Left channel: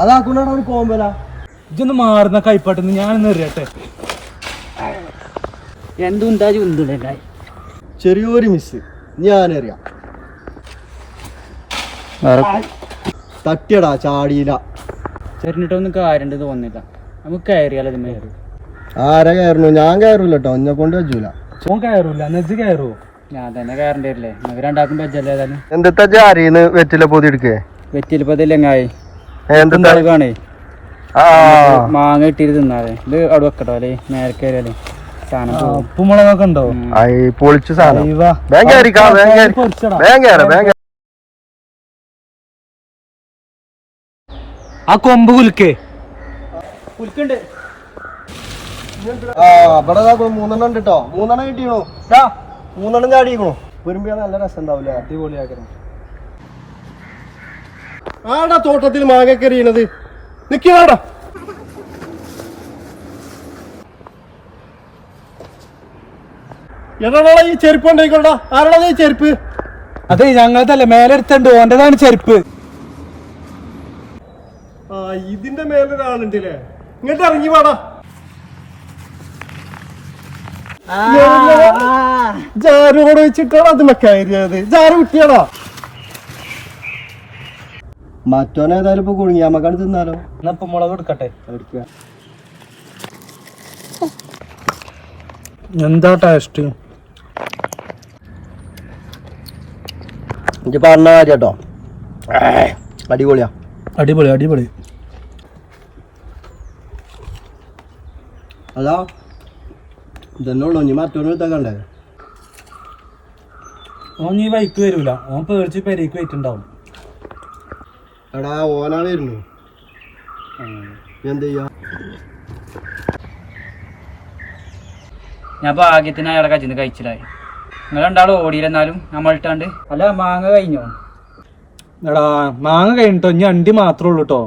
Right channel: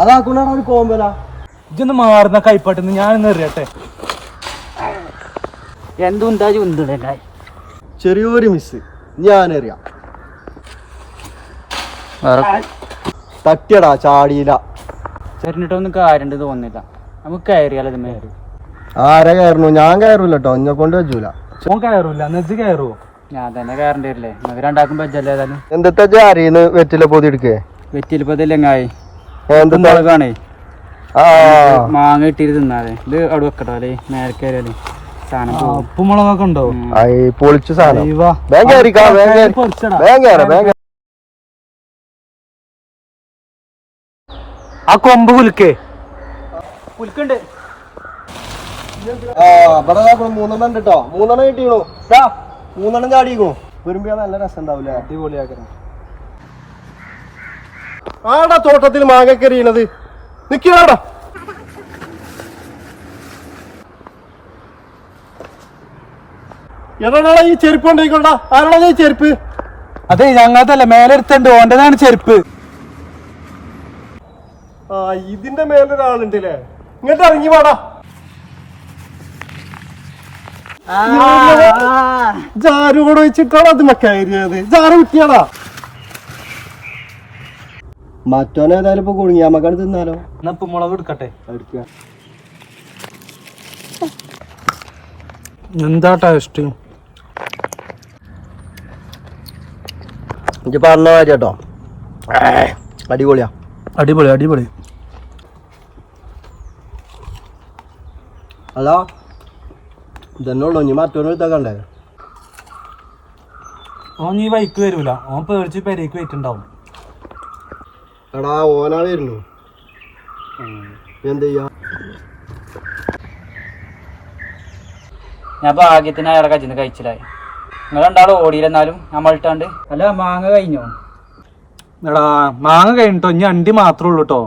അതാക്കുണ്ടാണ് കോമ്പല. ഇതൊന്ന് മാറുന്ന കൈപ്പാട്ടെന്ന് ഞാനൊന്ന് എറിയട്ടെ. എന്തുണ്ടാ ചുന്തുണ്ടായി. ചെറിയൊരു മിസ് ഞാനറിയാം. തട്ടിയടാ ചാടിയില്ല. ചെറിഞ്ഞിട്ടൊന്നും കാര്യണ്ട് തോന്നില്ല. നമുക്ക് കയറിയാലോ ഇത് മേര്. ആരെ കയറണു? ഞാൻ കയറൂല കേട്ടോ, എന്നെ കൊണ്ട് വെച്ചൂല. ഓൻ കയറൂല, നെജ് കയറുവോ? ഞാൻ തന്നെ കയറേണ്ടി വരില്ലേ? നമുക്ക് രണ്ടാക്കും പറ്റല്ലേ ഏതായാലും. എന്താ ജാരിന്ന് വെറ്റില പൊതി എടുക്കേ? വെറ്റിലിപ്പതില്ലെങ്ങായി മുളകാണേ. മാങ്ങ ഇട്ടിട്ട് തിന്നാതെ ഇത് അവിടെ വെക്കട്ടോ അല്ലേ മേലെ കയറിയാലേ സാധനം. ഉപ്പുമുളകൊക്കെ ഉണ്ടോ? പൊളിച്ചു ആ കൊമ്പ് കുലുക്കേ. കുലുക്കുണ്ട്. ഇവിടെ 3 ഉണ്ട് കേട്ടോ. 3 കിട്ടിയണു. 3 ചാടിക്കണു. വരുമ്പോ നല്ല രസം ഉണ്ടാവൂലേ? അടിപൊളിയാക്കണം. ആടാ തോട്ടത്തിൽ മാങ്ങ എറിയണത്. നിക്കണാടാ. എടാ ഈ ചെരുപ്പ് ഉണ്ടായിക്കോണ്ടാ. ആരാടാ ഈ ചെരുപ്പ്? അതെ ഞങ്ങൾക്കല്ല, മേലെടുത്തുണ്ട്. ഓൻ്റെതാണ് ചെരുപ്പ്. ഇതിന്റെ മേലൊരാളുണ്ടല്ലേ? ഇങ്ങോട്ട് ഇറങ്ങി വാടാ. ജാരോട് വെച്ചിട്ടാണ് അത് കയറിയത്. ജാര കുട്ടിയാടാ. മറ്റോനേതായാലും ഇപ്പൊ കുടുങ്ങി. നമുക്കാണ് തിന്നാലോ. എന്നാ ഉപ്പുമുളക് എടുക്കട്ടെ. എടുക്കുക. എന്താ ടേസ്റ്റ്? ഇജ്ജ് പറഞ്ഞ മാതിരി കേട്ടോ, അടിപൊളിയാ. അടിപൊളി അടിപൊളി. അതാ ഇതന്നെ ഉള്ളു. ഇനി മറ്റോനെ എടുത്താക്കണ്ടേ? ഓൻ ഈ വൈക്ക് വരൂല. ഓൻ പേടിച്ച് പെരേക്ക് പോയിട്ടുണ്ടാവും. എടാ ഓനാളായിരുന്നു. എന്ത് ചെയ്യാ? ഞാൻ ഭാഗ്യത്തിന് അയാളെ കജിന്ന് കഴിച്ചില്ലായി. നിങ്ങൾ രണ്ടാളും ഓടിയില്ലെന്നാലും നമ്മളിട്ടാണ്ട്. അല്ല മാങ്ങ കഴിഞ്ഞോ? എടാ മാങ്ങ കഴിഞ്ഞിട്ടോ, ഇനി അണ്ടി മാത്രമേ ഉള്ളൂ കേട്ടോ.